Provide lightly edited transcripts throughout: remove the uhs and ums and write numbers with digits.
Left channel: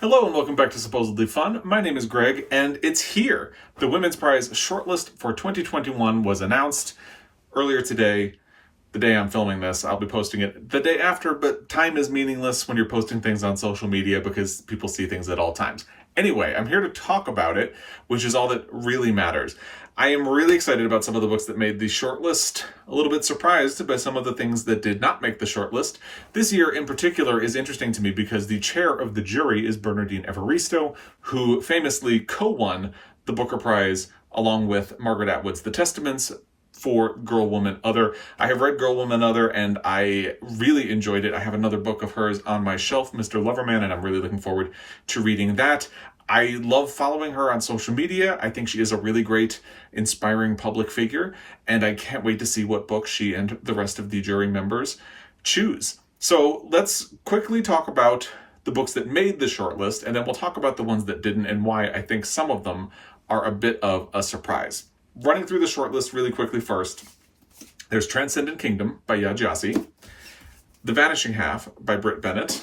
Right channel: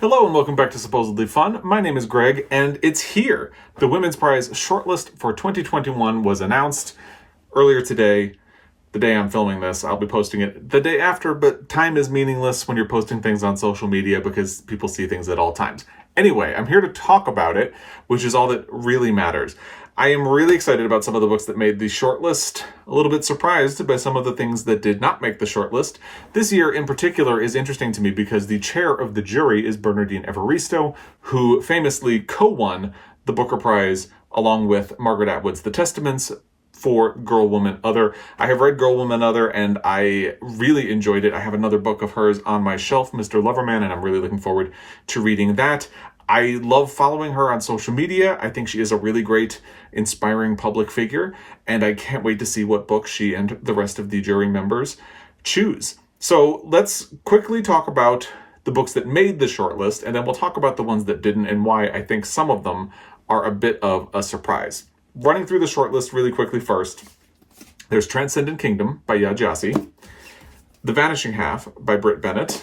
Hello and welcome back to Supposedly Fun. My name is Greg and it's here. The Women's Prize shortlist for 2021 was announced earlier today. The day I'm filming this, I'll be posting it the day after, but time is meaningless when you're posting things on social media because people see things at all times. Anyway, I'm here to talk about it, which is all that really matters. I am really excited about some of the books that made the shortlist, a little bit surprised by some of the things that did not make the shortlist. This year in particular is interesting to me because the chair of the jury is Bernardine Evaristo, who famously co-won the Booker Prize along with Margaret Atwood's The Testaments for Girl, Woman, Other. I have read Girl, Woman, Other and I really enjoyed it. I have another book of hers on my shelf, Mr. Loverman, and I'm really looking forward to reading that. I love following her on social media. I think she is a really great, inspiring public figure, and I can't wait to see what book she and the rest of the jury members choose. So let's quickly talk about the books that made the shortlist, and then we'll talk about the ones that didn't and why I think some of them are a bit of a surprise. Running through the shortlist really quickly first, there's Transcendent Kingdom by Gyasi, The Vanishing Half by Brit, Bennett,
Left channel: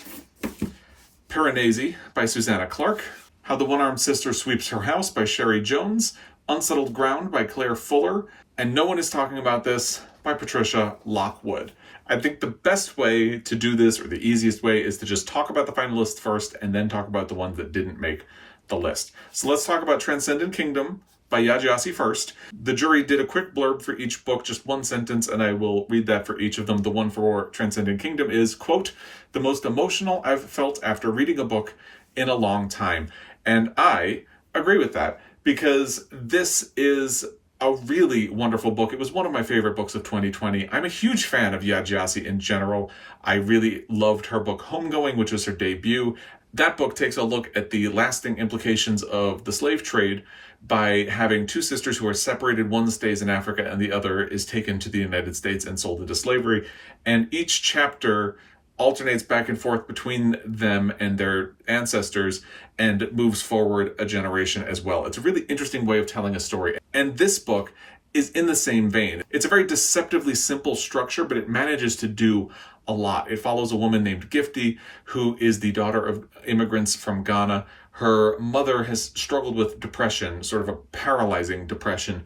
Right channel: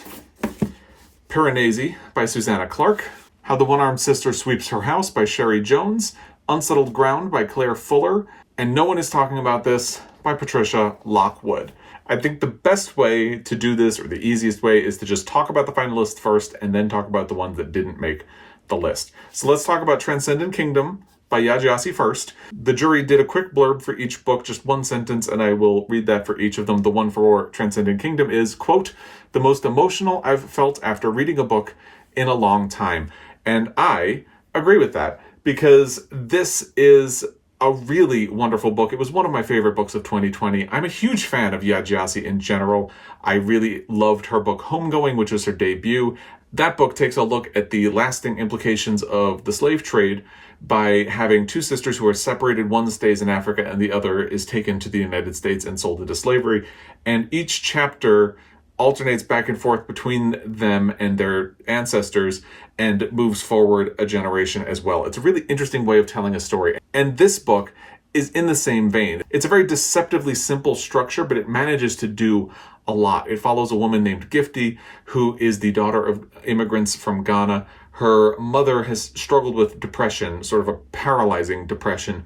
Piranesi by Susanna, Clarke, How the One-Armed Sister Sweeps Her House by Cherie Jones, Unsettled Ground by Clare Fuller, and No One Is Talking About This by Patricia, Lockwood. I think the best way to do this, or the easiest way, is to just talk about the finalists first and then talk about the ones that didn't make the list. So let's talk about Transcendent Kingdom by Gyasi first. The jury did a quick blurb for each book, just one sentence, and I will read that for each of them. The one for Transcendent Kingdom is, quote, "the most emotional I've felt after reading a book in a long time." And I agree with that because this is a really wonderful book. It was one of my favorite books of 2020. I'm a huge fan of Gyasi in general. I really loved her book Homegoing, which was her debut. That book takes a look at the lasting implications of the slave trade by having two sisters who are separated. One stays in Africa and the other is taken to the United States and sold into slavery. And each chapter alternates back and forth between them and their ancestors and moves forward a generation as well. It's a really interesting way of telling a story. And this book is in the same vein. It's a very deceptively simple structure, but it manages to do a lot. It follows a woman named Gifty, who is the daughter of immigrants from Ghana. Her mother has struggled with depression, sort of a paralyzing depression,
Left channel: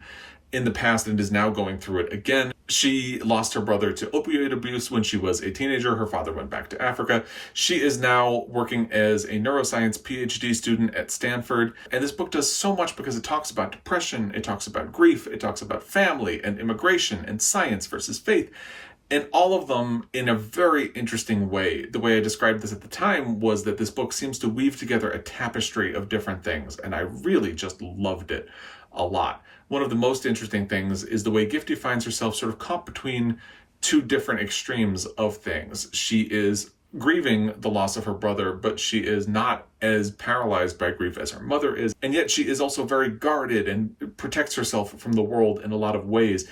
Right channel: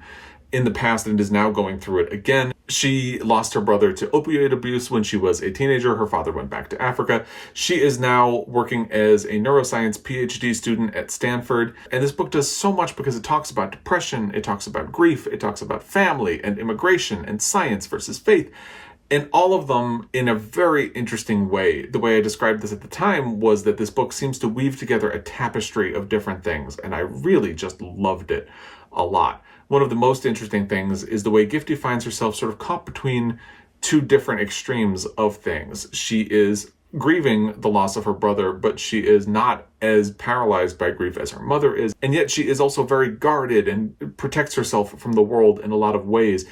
in the past and is now going through it again. She lost her brother to opioid abuse when she was a teenager. Her father went back to Africa. She is now working as a neuroscience PhD student at Stanford. And this book does so much because it talks about depression, it talks about grief, it talks about family and immigration and science versus faith. And all of them in a very interesting way. The way I described this at the time was that this book seems to weave together a tapestry of different things. And I really just loved it a lot. One of the most interesting things is the way Gifty finds herself sort of caught between two different extremes of things. She is grieving the loss of her brother, but she is not as paralyzed by grief as her mother is. And yet she is also very guarded and protects herself from the world in a lot of ways.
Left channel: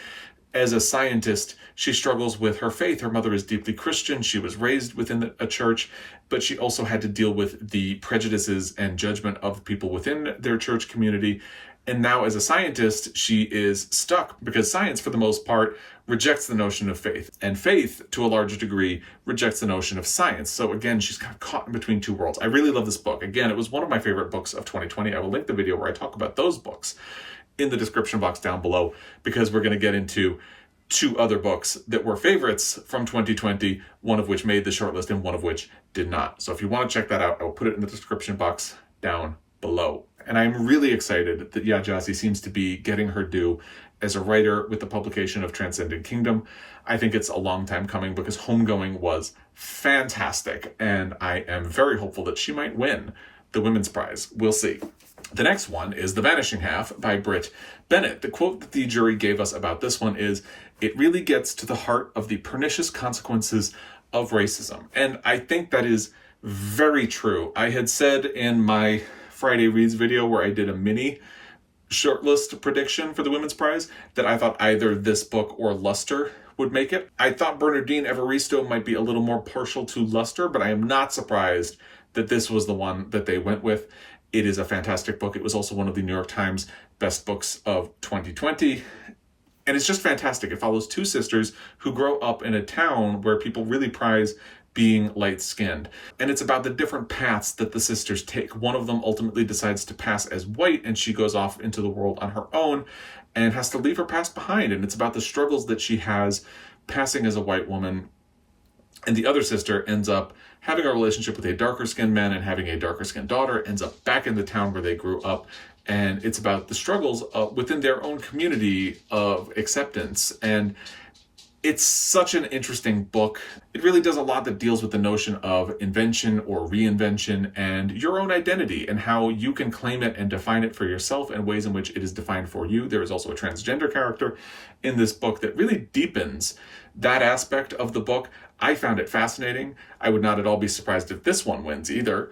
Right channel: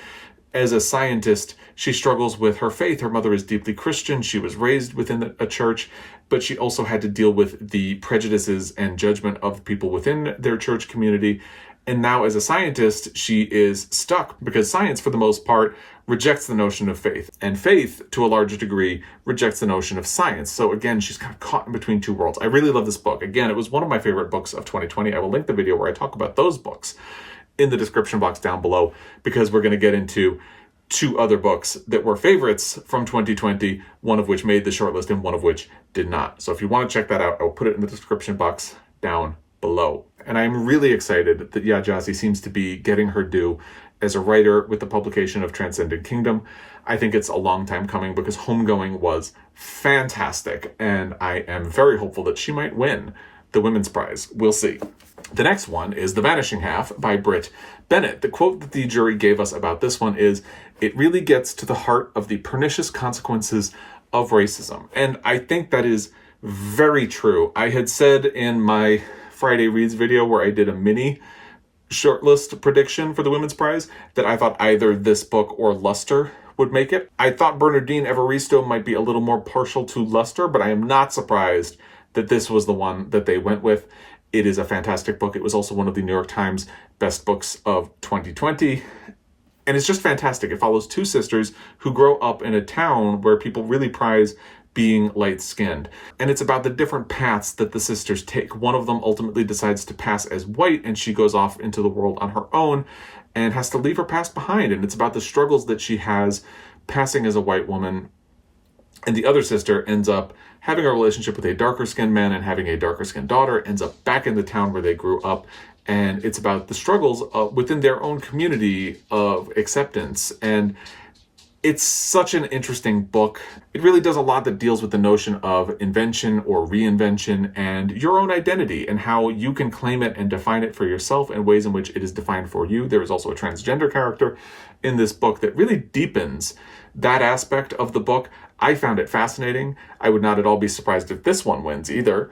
As a scientist, she struggles with her faith. Her mother is deeply Christian. She was raised within a church, but she also had to deal with the prejudices and judgment of people within their church community. And now as a scientist, she is stuck because science, for the most part, rejects the notion of faith. And faith, to a large degree, rejects the notion of science. So again, she's kind of caught in between two worlds. I really love this book. Again, it was one of my favorite books of 2020. I will link the video where I talk about those books in the description box down below, because we're going to get into two other books that were favorites from 2020, one of which made the shortlist and one of which did not. So if you want to check that out, I'll put it in the description box down below. And I'm really excited that Gyasi seems to be getting her due as a writer with the publication of Transcendent Kingdom. I think it's a long time coming because Homegoing was fantastic, and I am very hopeful that she might win the Women's Prize. We'll see. The next one is The Vanishing Half by Brit, Bennett. The quote that the jury gave us about this one is, "It really gets to the heart of the pernicious consequences of racism." And I think that is very true. I had said in my Friday Reads video where I did a mini shortlist prediction for the Women's Prize that I thought either this book or Luster would make it. I thought Bernardine Evaristo might be a little more partial to Luster, but I am not surprised that this was the one that they went with. It is a fantastic book. It was also one of the New York Times best books of 2020. And it's just fantastic. It follows two sisters who grow up in a town where people really prize being light-skinned. And it's about the different paths that the sisters take. One of them ultimately decides to pass as white, and she goes off into the world on her own and has to leave her past behind. And it's about the struggles that she has passing as a white woman. And the other sister ends up having a relationship with a darker-skinned man and having a darker-skinned daughter, ends up back in the town where they grew up. And it's about the struggles within their own community of acceptance. And it's such an interesting book. It really does a lot that deals with the notion of invention or reinvention and your own identity and how you can claim it and define it for yourself and ways in which it is defined for you. There is also a transgender character in this book that really deepens that aspect of the book. I found it fascinating. I would not at all be surprised if this one wins either.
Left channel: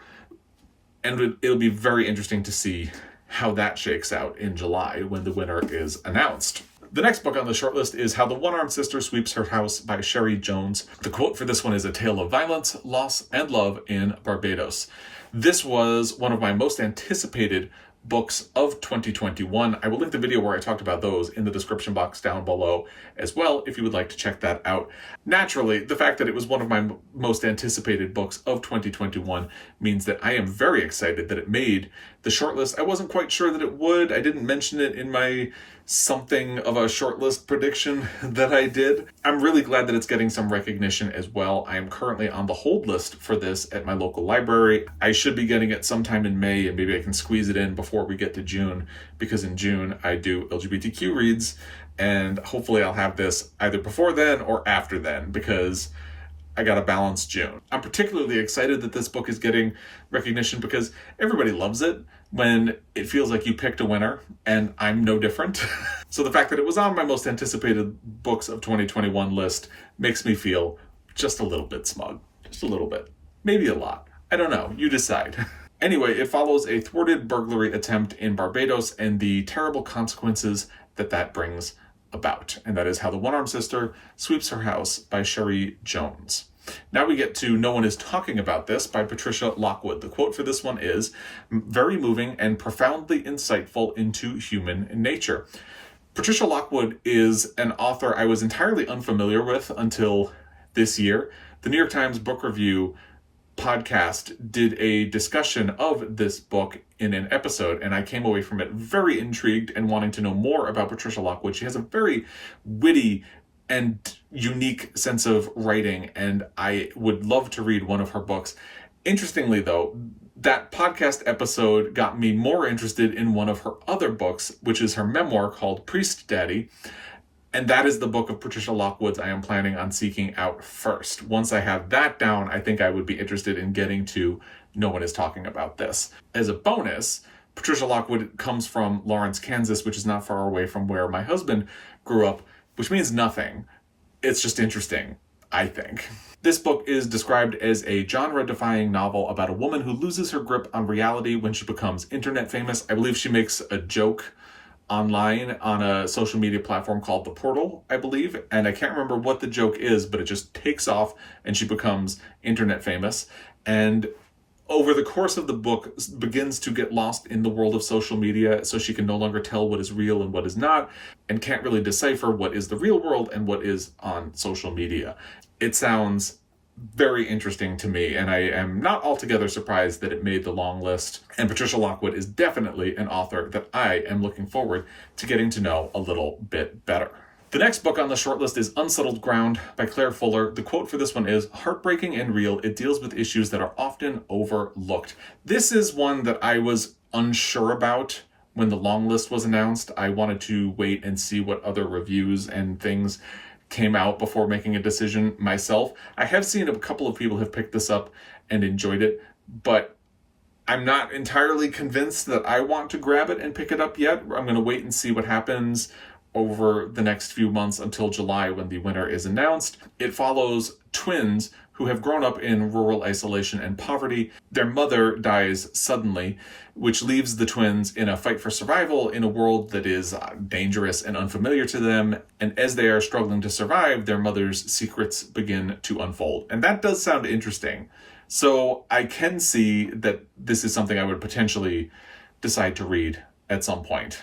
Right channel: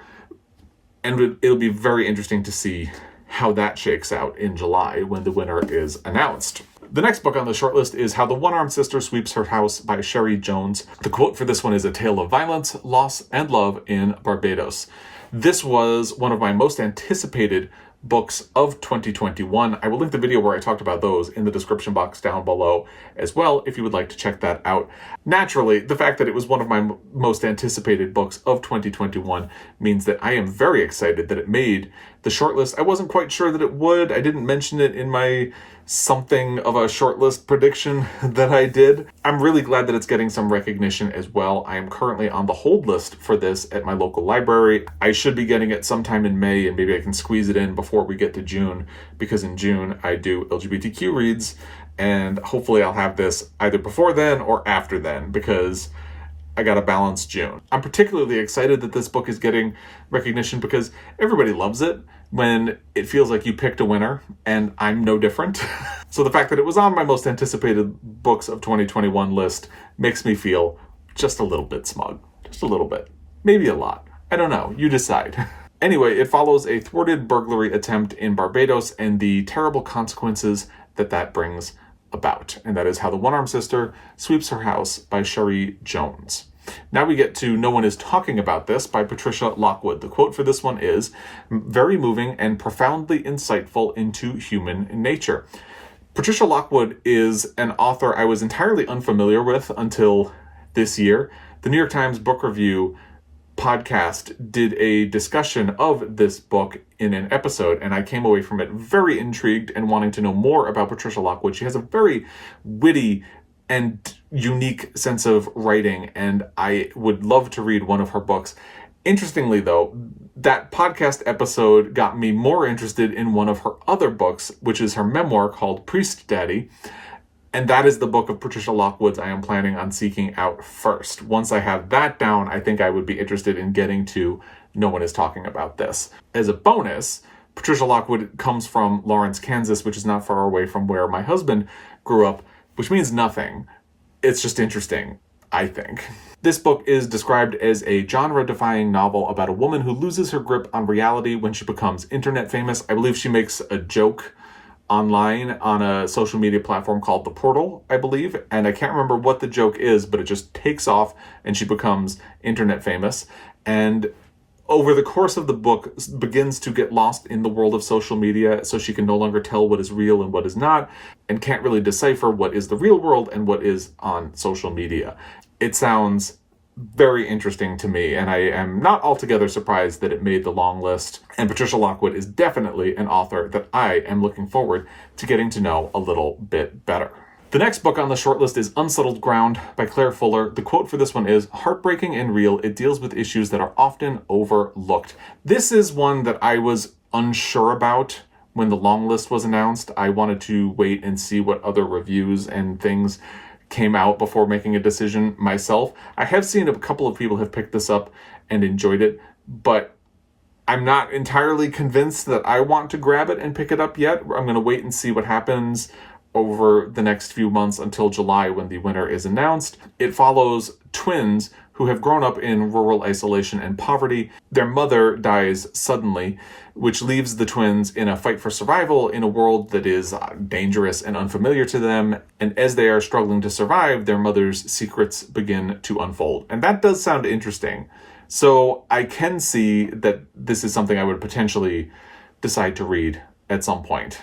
And it'll be very interesting to see how that shakes out in July when the winner is announced. The next book on the shortlist is How the One-Armed Sister Sweeps Her House by Cherie Jones. The quote for this one is a tale of violence, loss, and love in Barbados. This was one of my most anticipated books of 2021. I will link the video where I talked about those in the description box down below as well if you would like to check that out. Naturally, the fact that it was one of my most anticipated books of 2021 means that I am very excited that it made the shortlist. I wasn't quite sure that it would. I didn't mention it in my something of a shortlist prediction that I did. I'm really glad that it's getting some recognition as well. I am currently on the hold list for this at my local library. I should be getting it sometime in May, and maybe I can squeeze it in before we get to June, because in June I do LGBTQ reads, and hopefully I'll have this either before then or after then, because I gotta balance June. I'm particularly excited that this book is getting recognition because everybody loves it when it feels like you picked a winner, and I'm no different. So the fact that it was on my most anticipated books of 2021 list makes me feel just a little bit smug. Just a little bit. Maybe a lot. I don't know. You decide. Anyway, it follows a thwarted burglary attempt in Barbados and the terrible consequences that brings about. And that is How the One-Armed Sister Sweeps Her House by Cherie Jones. Now we get to No One Is Talking About This by Patricia Lockwood. The quote for this one is, very moving and profoundly insightful into human nature. Patricia Lockwood is an author I was entirely unfamiliar with until this year. The New York Times Book Review podcast did a discussion of this book in an episode, and I came away from it very intrigued and wanting to know more about Patricia Lockwood. She has a very witty and unique sense of writing, and I would love to read one of her books. Interestingly, though, that podcast episode got me more interested in one of her other books, which is her memoir called Priest Daddy. And that is the book of Patricia Lockwood's I am planning on seeking out first. Once I have that down, I think I would be interested in getting to No One Is Talking About This. As a bonus, Patricia Lockwood comes from Lawrence, Kansas, which is not far away from where my husband grew up, which means nothing. It's just interesting, I think. This book is described as a genre-defying novel about a woman who loses her grip on reality when she becomes internet famous. I believe she makes a joke online on a social media platform called The Portal, I believe. And I can't remember what the joke is, but it just takes off and she becomes internet famous. And over the course of the book begins to get lost in the world of social media, so she can no longer tell what is real and what is not, and can't really decipher what is the real world and what is on social media. It sounds very interesting to me, and I am not altogether surprised that it made the long list. And Patricia Lockwood is definitely an author that I am looking forward to getting to know a little bit better. The next book on the shortlist is Unsettled Ground by Clare Fuller. The quote for this one is, heartbreaking and real, it deals with issues that are often overlooked. This is one that I was unsure about when the long list was announced. I wanted to wait and see what other reviews and things came out before making a decision myself. I have seen a couple of people have picked this up and enjoyed it, but I'm not entirely convinced that I want to grab it and pick it up yet. I'm going to wait and see what happens over the next few months until July when the winner is announced. It follows twins who have grown up in rural isolation and poverty. Their mother dies suddenly, which leaves the twins in a fight for survival in a world that is dangerous and unfamiliar to them. And as they are struggling to survive, their mother's secrets begin to unfold. And that does sound interesting. So I can see that this is something I would potentially decide to read at some point.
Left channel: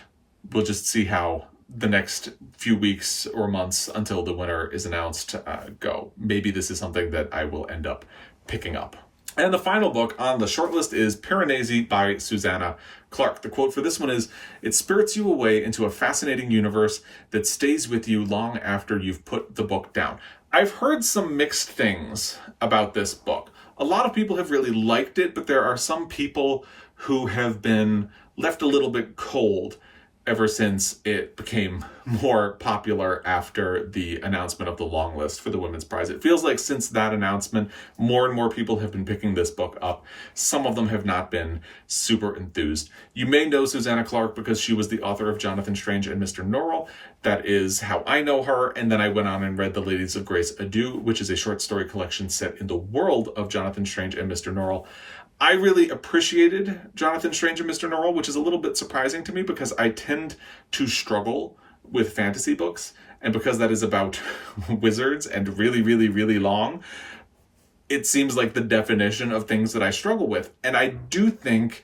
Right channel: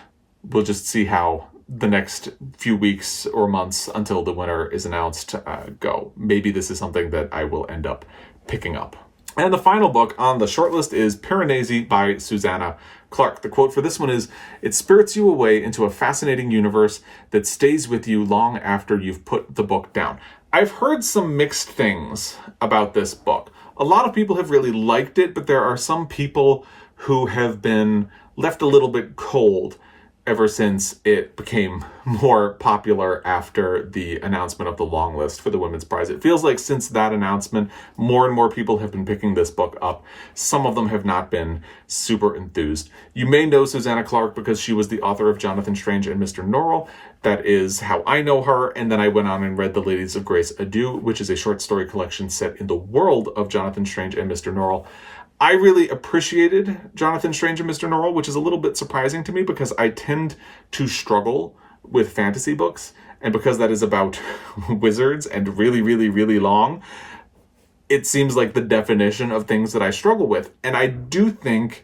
We'll just see how the next few weeks or months until the winner is announced go. Maybe this is something that I will end up picking up. And the final book on the shortlist is Piranesi by Susanna Clarke. The quote for this one is, "It spirits you away into a fascinating universe that stays with you long after you've put the book down." I've heard some mixed things about this book. A lot of people have really liked it, but there are some people who have been left a little bit cold ever since it became more popular after the announcement of the long list for the Women's Prize. It feels like since that announcement, more and more people have been picking this book up. Some of them have not been super enthused. You may know Susanna Clarke because she was the author of Jonathan Strange and Mr. Norrell. That is how I know her. And then I went on and read The Ladies of Grace Adieu, which is a short story collection set in the world of Jonathan Strange and Mr. Norrell. I really appreciated Jonathan Strange and Mr. Norrell, which is a little bit surprising to me because I tend to struggle with fantasy books. And because that is about wizards and really, really, really long, it seems like the definition of things that I struggle with. And I do think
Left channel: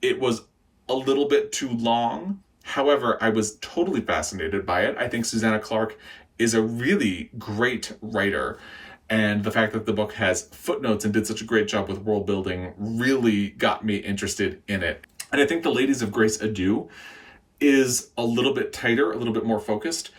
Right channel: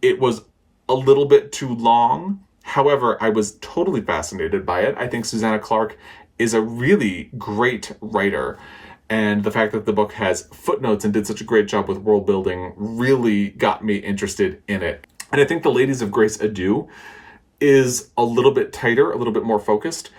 it was a little bit too long. However, I was totally fascinated by it. I think Susanna Clarke is a really great writer. And the fact that the book has footnotes and did such a great job with world building really got me interested in it. And I think The Ladies of Grace Adieu is a little bit tighter, a little bit more focused,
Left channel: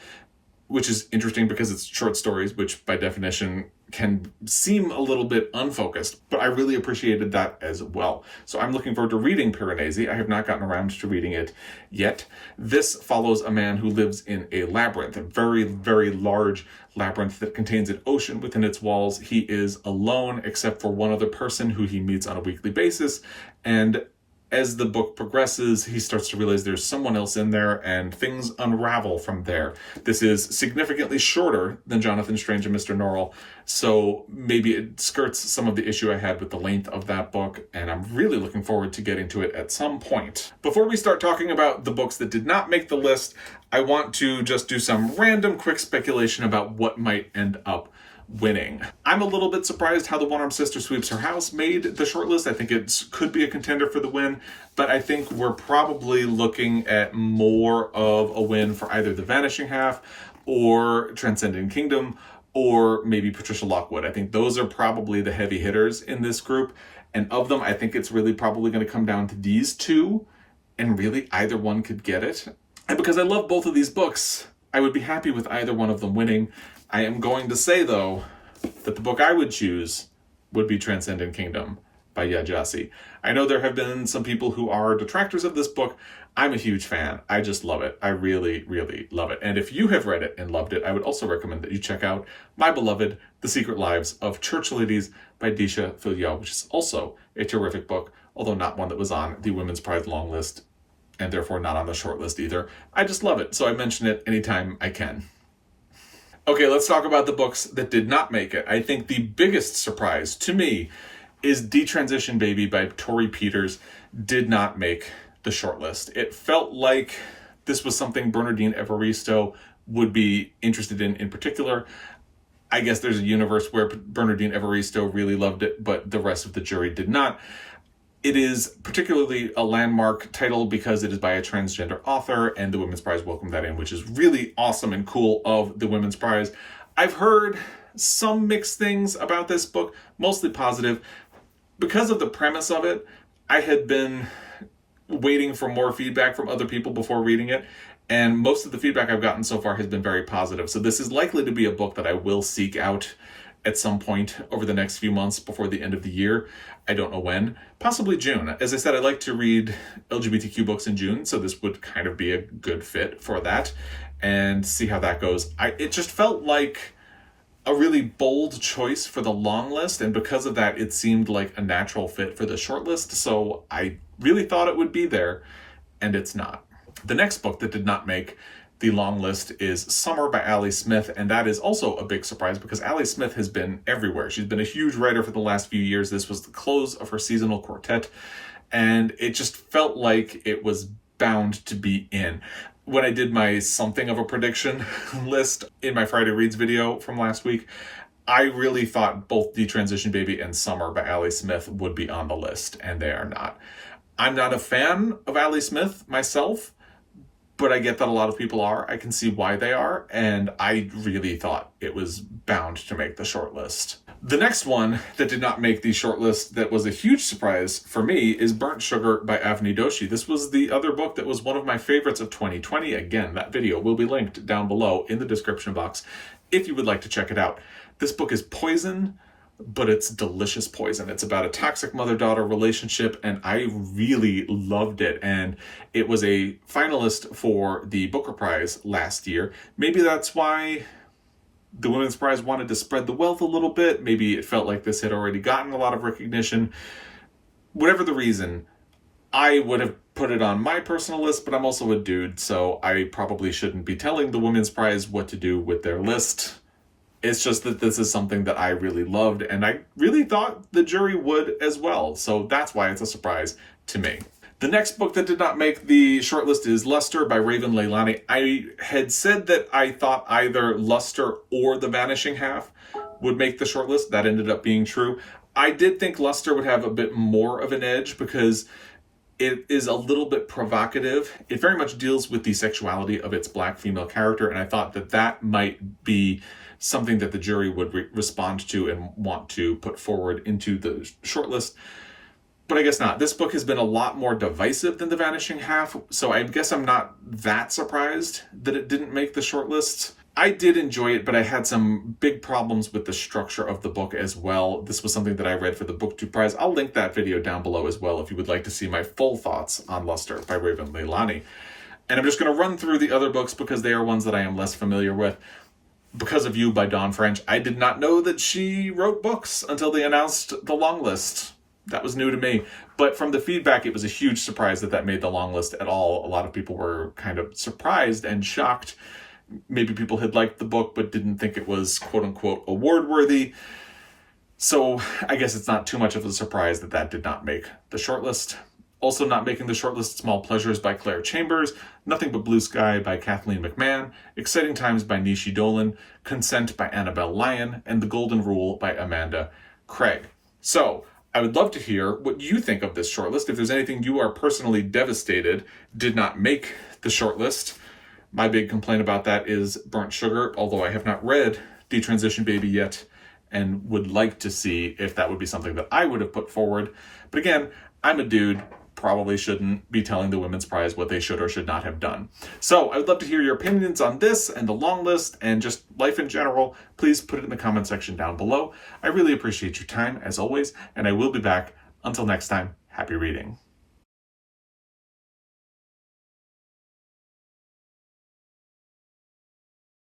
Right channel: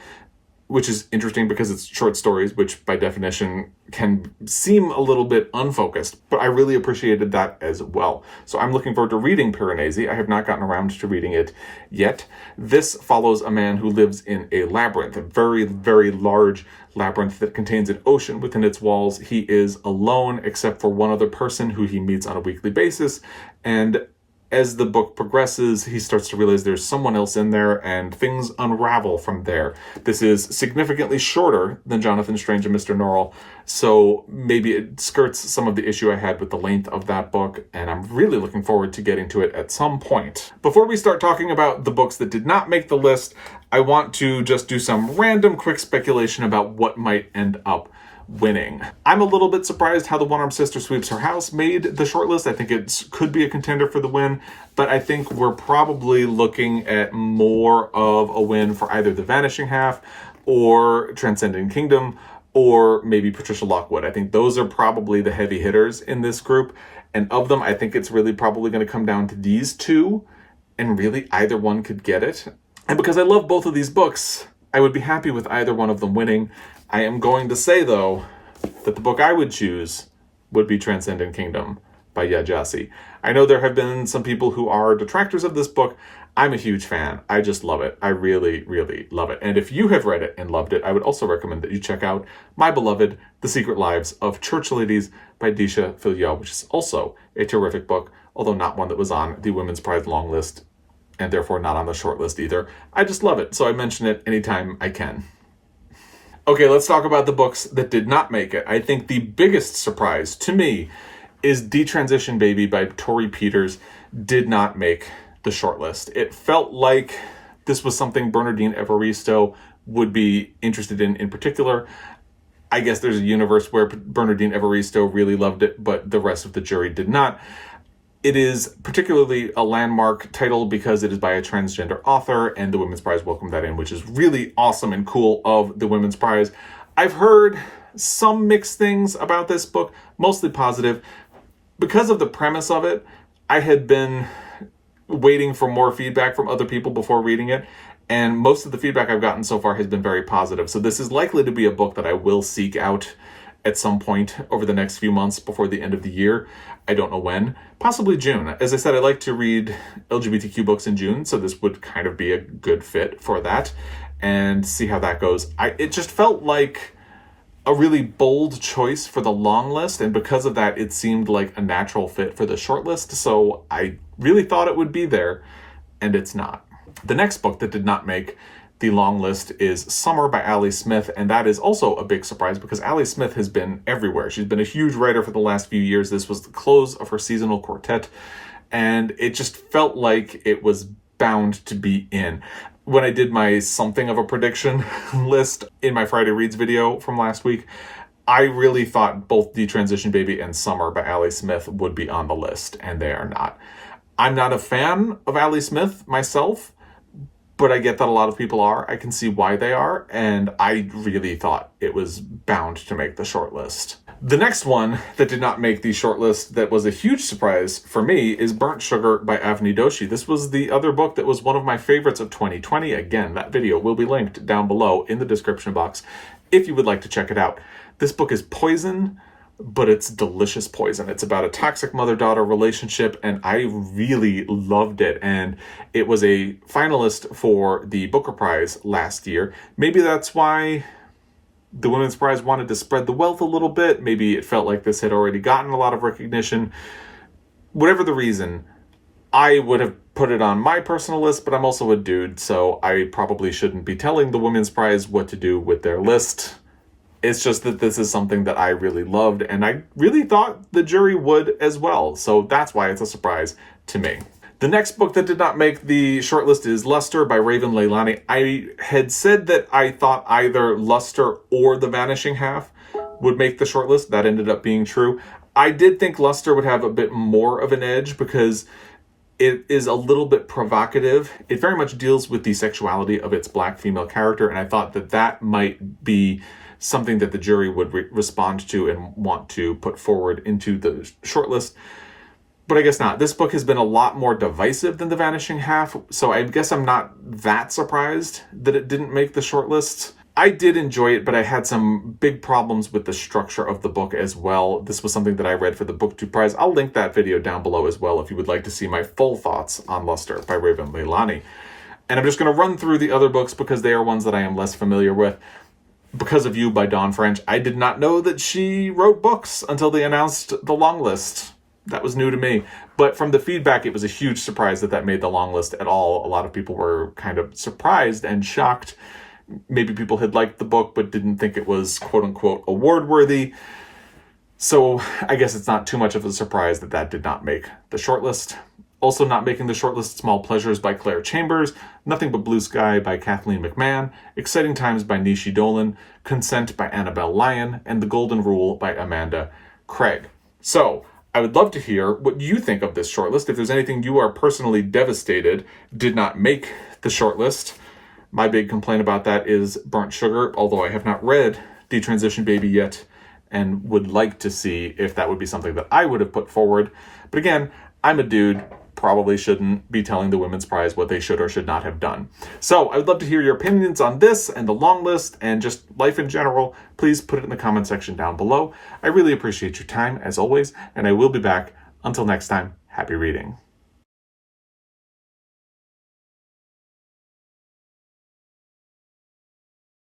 which is interesting because it's short stories, which by definition can seem a little bit unfocused, but I really appreciated that as well. So I'm looking forward to reading Piranesi. I have not gotten around to reading it yet. This follows a man who lives in a labyrinth, a very, very large labyrinth that contains an ocean within its walls. He is alone except for one other person who he meets on a weekly basis, and as the book progresses, he starts to realize there's someone else in there and things unravel from there. This is significantly shorter than Jonathan Strange and Mr. Norrell, so maybe it skirts some of the issue I had with the length of that book, and I'm really looking forward to getting to it at some point. Before we start talking about the books that did not make the list, I want to just do some random quick speculation about what might end up winning. I'm a little bit surprised how the One-Armed Sister Sweeps Her House made the shortlist. I think it could be a contender for the win, but I think we're probably looking at more of a win for either The Vanishing Half or Transcendent Kingdom or maybe Patricia Lockwood. I think those are probably the heavy hitters in this group, and of them, I think it's really probably going to come down to these two, and really either one could get it. And because I love both of these books, I would be happy with either one of them winning. I am going to say, though, that the book I would choose would be Transcendent Kingdom by Gyasi. I know there have been some people who are detractors of this book. I'm a huge fan. I just love it. I really, really love it. And if you have read it and loved it, I would also recommend that you check out my beloved The Secret Lives of Church Ladies by Disha Filiot, which is also a terrific book, although not one that was on the Women's Prize long list and therefore not on the short list either. I just love it, so I mention it anytime I can. Okay, let's talk about the books that did not make it. I think the biggest surprise to me is Detransition Baby by Torrey Peters did not make the shortlist. It felt like this was something Bernardine Evaristo would be interested in particular. I guess there's a universe where Bernardine Evaristo really loved it, but the rest of the jury did not. It is particularly a landmark title because it is by a transgender author, and the Women's Prize welcomed that in, which is really awesome and cool of the Women's Prize. I've heard some mixed things about this book, mostly positive. Because of the premise of it, I had been waiting for more feedback from other people before reading it, and most of the feedback I've gotten so far has been very positive. So this is likely to be a book that I will seek out at some point over the next few months before the end of the year. I don't know when, possibly June. As I said, I like to read LGBTQ books in June, so this would kind of be a good fit for that, and see how that goes. It just felt like a really bold choice for the long list, and because of that, it seemed like a natural fit for the short list, so I really thought it would be there, and it's not. The next book that did not make the long list is Summer by Ali Smith, and that is also a big surprise because Ali Smith has been everywhere. She's been a huge writer for the last few years. This was the close of her seasonal quartet, and it just felt like it was bound to be in. When I did my something of a prediction list in my Friday Reads video from last week, I really thought both Detransition Baby and Summer by Ali Smith would be on the list, and they are not. I'm not a fan of Ali Smith myself, but I get that a lot of people are. I can see why they are, and I really thought it was bound to make the shortlist. The next one that did not make the shortlist that was a huge surprise for me is Burnt Sugar by Avni Doshi. This was the other book that was one of my favorites of 2020. Again, that video will be linked down below in the description box if you would like to check it out. This book is poison, but it's delicious poison. It's about a toxic mother-daughter relationship, and I really loved it. And it was a finalist for the Booker Prize last year. Maybe that's why the Women's Prize wanted to spread the wealth a little bit. Maybe it felt like this had already gotten a lot of recognition. Whatever the reason, I would have put it on my personal list, but I'm also a dude, so I probably shouldn't be telling the Women's Prize what to do with their list. It's just that this is something that I really loved, and I really thought the jury would as well, so that's why it's a surprise to me. The next book that did not make the shortlist is Luster by Raven Leilani. I had said that I thought either Luster or The Vanishing Half would make the shortlist. That ended up being true. I did think Luster would have a bit more of an edge because it is a little bit provocative. It very much deals with the sexuality of its black female character, and I thought that that might be something that the jury would respond to and want to put forward into the shortlist. But I guess not. This book has been a lot more divisive than The Vanishing Half, so I guess I'm not that surprised that it didn't make the shortlist. I did enjoy it, but I had some big problems with the structure of the book as well. This was something that I read for the BookTube Prize. I'll link that video down below as well if you would like to see my full thoughts on Luster by Raven Leilani. And I'm just going to run through the other books because they are ones that I am less familiar with. Because of You by Dawn French. I did not know that she wrote books until they announced the long list. That was new to me. But from the feedback, it was a huge surprise that that made the long list at all. A lot of people were kind of surprised and shocked. Maybe people had liked the book but didn't think it was quote-unquote award-worthy. So I guess it's not too much of a surprise that that did not make the shortlist. Also not making the shortlist, Small Pleasures by Clare Chambers, Nothing But Blue Sky by Kathleen MacMahon, Exciting Times by Nishi Dolan, Consent by Annabel Lyon, and The Golden Rule by Amanda Craig. So I would love to hear what you think of this shortlist. If there's anything you are personally devastated did not make the shortlist. My big complaint about that is Burnt Sugar, although I have not read Detransition Baby yet and would like to see if that would be something that I would have put forward. But again, I'm a dude, probably shouldn't be telling the Women's Prize what they should or should not have done. So I would love to hear your opinions on this and the long list and just life in general. Please put it in the comment section down below. I really appreciate your time as always, and I will be back. Until next time, happy reading.